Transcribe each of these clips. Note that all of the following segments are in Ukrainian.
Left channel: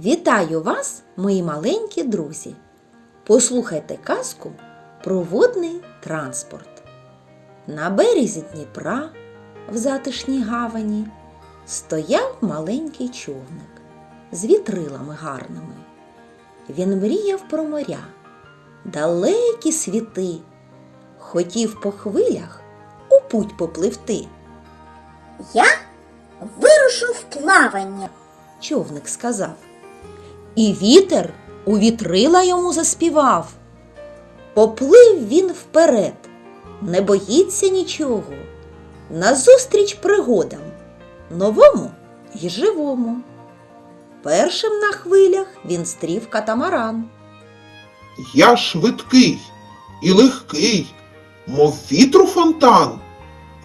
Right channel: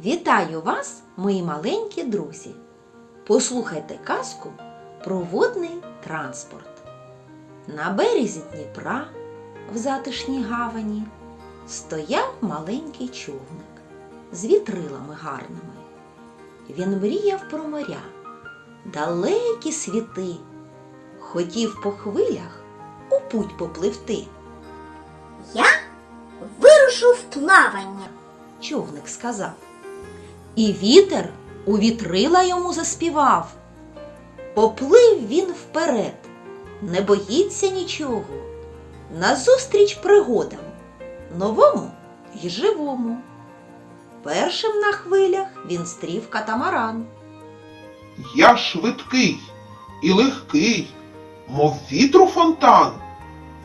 Вітаю вас, мої маленькі друзі! Послухайте казку про водний транспорт. На березі Дніпра, в затишній гавані, стояв маленький човник з вітрилами гарними. Він мріяв про моря, далекі світи, хотів по хвилях у путь попливти. Я вирушу в плавання. човник сказав. І вітер у вітрила йому заспівав. Поплив він вперед, не боїться нічого. Назустріч пригодам, новому й живому. Першим на хвилях він стрів катамаран. Я швидкий і легкий, мов вітру фонтан.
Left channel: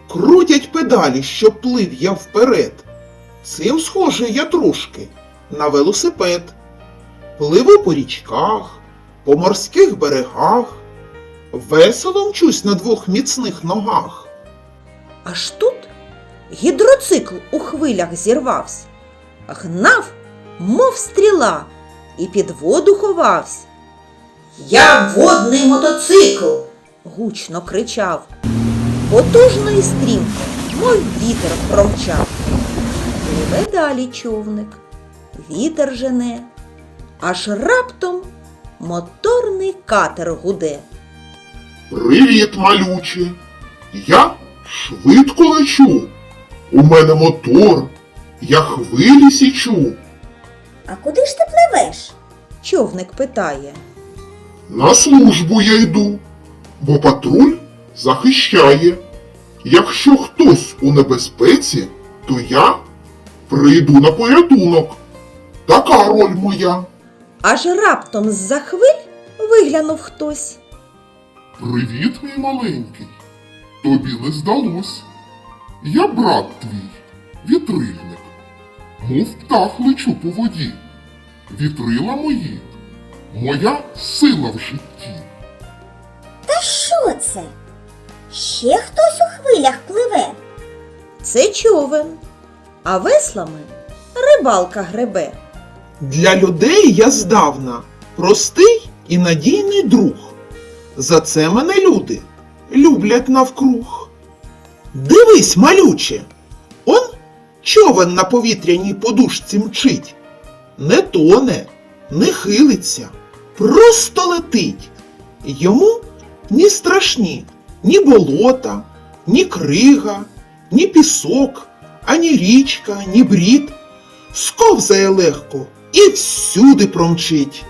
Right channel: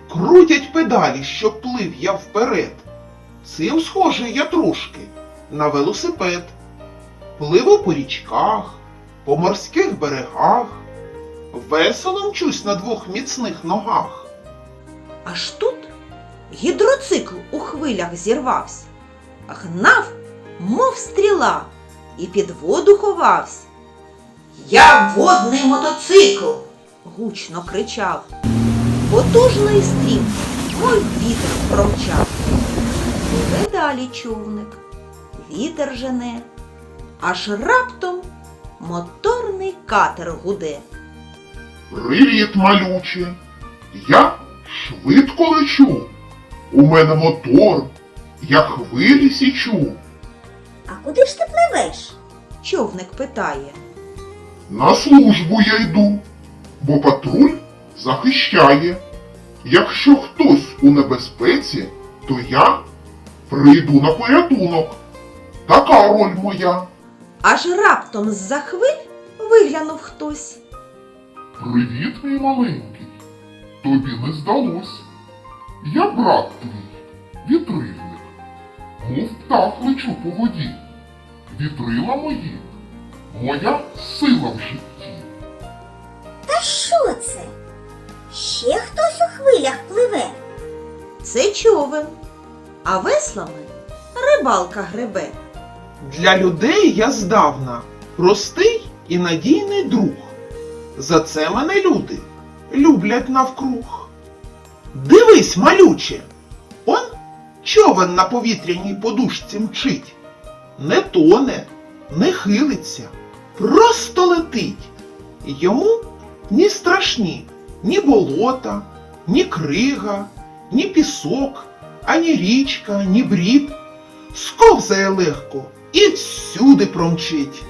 Крутять педалі, щоб плив я вперед. Цим схожий я трошки на велосипед. Пливу по річках, по морських берегах, весело мчусь на двох міцних ногах. Аж тут гідроцикл у хвилях зірвався, гнав, мов стріла, і під воду ховався. Я водний мотоцикл. гучно кричав. Потужний стрім, мой вітер промчав. Далі човник, вітер жене, аж раптом моторний катер гуде. Привіт, малюче! Я швидко лечу. У мене мотор, я хвилі січу. А куди ж ти пливеш? Човник питає. На службу я йду, бо патруль захищає. Якщо хтось у небезпеці, то я прийду на порятунок. Така роль моя. Аж раптом з-за хвиль виглянув хтось. Привіт, мій маленький. Тобі не здалось. Я брат твій, вітрильник. Мов птах лечу по воді. Вітрила мої, моя сила в житті. Та що це? Ще хтось у хвилях пливе. Це човен, а веслами рибалка гребе. Для людей я здавна простий і надійний друг. За це мене люди люблять навкруг. Дивись, малюче, он човен на повітряній подушці мчить. Не тоне, не хилиться, просто летить. Йому ні страшні, ні болота, ні крига, ні пісок, ані річка, ні брід. Сковзає легко і всюди промчить.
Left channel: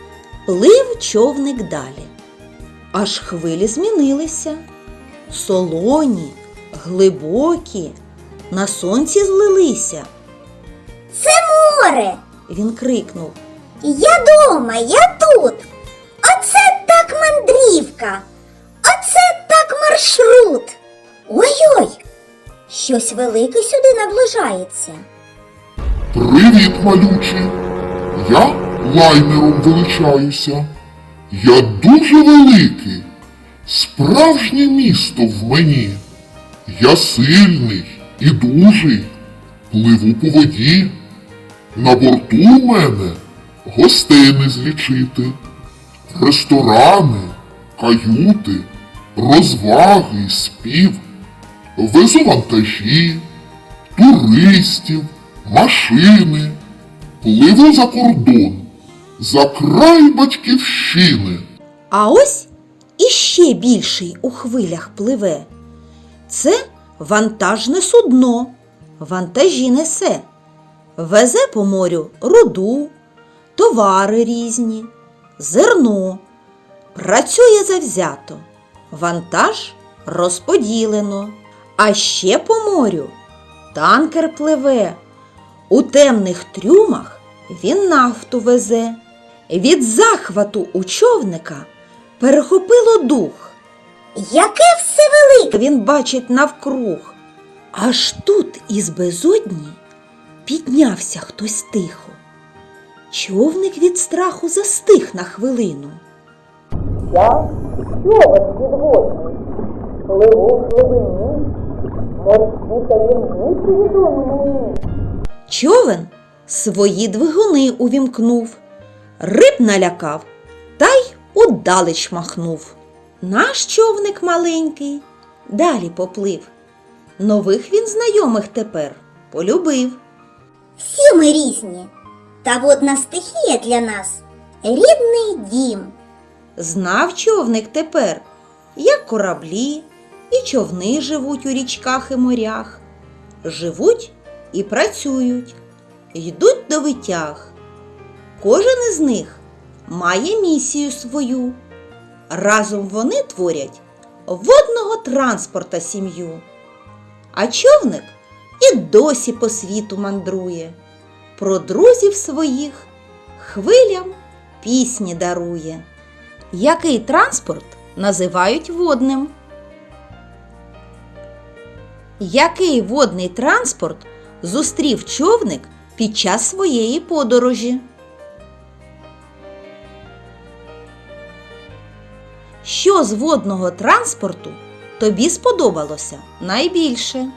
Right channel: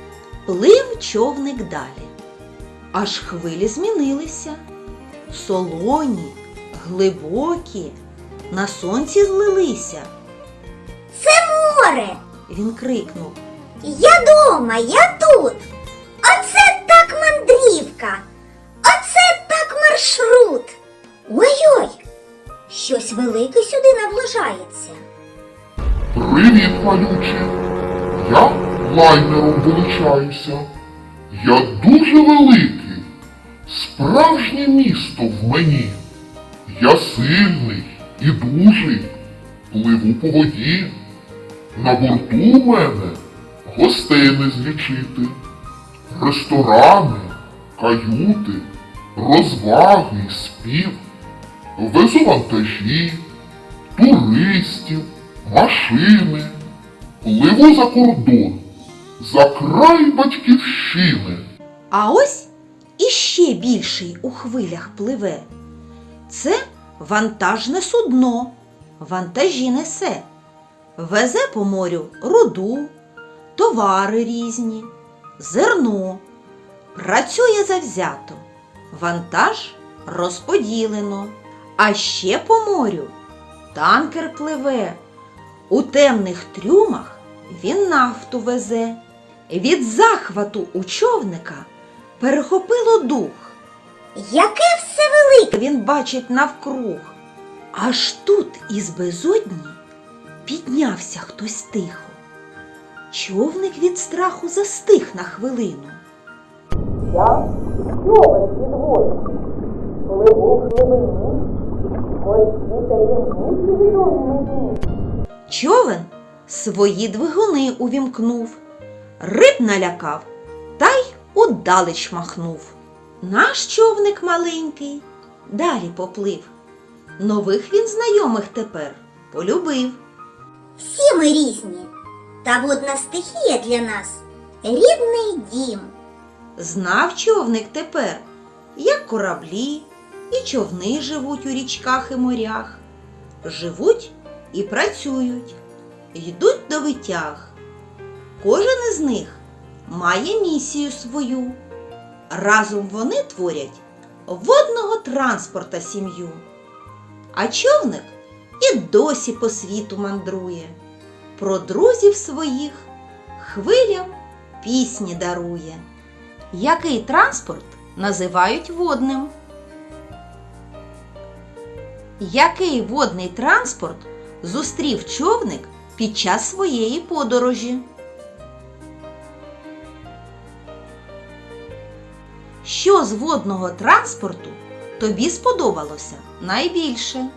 Плив човник далі. Аж хвилі змінилися. Солоні, глибокі, на сонці злилися. Це Море! Він крикнув. Я дома, я тут. Оце так мандрівка. Оце так маршрут. Ой-ой! Щось велике сюди наближається. Привіт, малючий. Я лайнером величаюся. Я дуже великий. Справжнє місто в мені. Я сильний і дужий. Пливу по воді. На борту у мене гостей не злічити. Ресторани, каюти, розваги, спів. Везу вантажі, туристів, машини. Пливу за кордон, за край батьківщини. А ось іще більший у хвилях пливе. Це вантажне судно, вантажі несе, везе по морю руду, товари різні, зерно, працює завзято, вантаж розподілено, а ще по морю танкер пливе. У темних трюмах він нафту везе. Від захвату у човника перехопило дух. Яке все велике! Він бачить навкруг. Аж тут із безодні піднявся хтось тихо. Човник від страху застиг на хвилину. Я Човен свої двигуни увімкнув, риб налякав та й удалеч махнув. Наш човник маленький далі поплив. Нових він знайомих тепер полюбив. Всі ми різні, та водна стихія для нас рідний дім. Знав човник тепер, як кораблі і човни живуть у річках і морях, живуть і працюють, йдуть до витяг. Кожен із них має місію свою. Разом вони творять водного транспорта сім'ю. А човник і досі по світу мандрує, про друзів своїх хвилям пісні дарує. Який транспорт називають водним? Який водний транспорт зустрів човник під час своєї подорожі? Що з водного транспорту тобі сподобалося найбільше?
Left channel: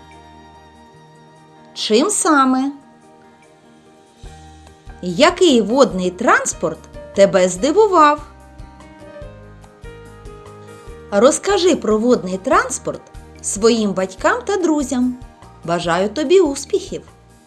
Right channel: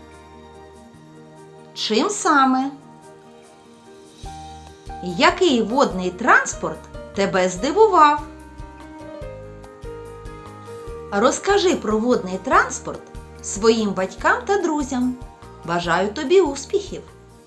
Чим саме? Який водний транспорт тебе здивував? Розкажи про водний транспорт своїм батькам та друзям. Бажаю тобі успіхів!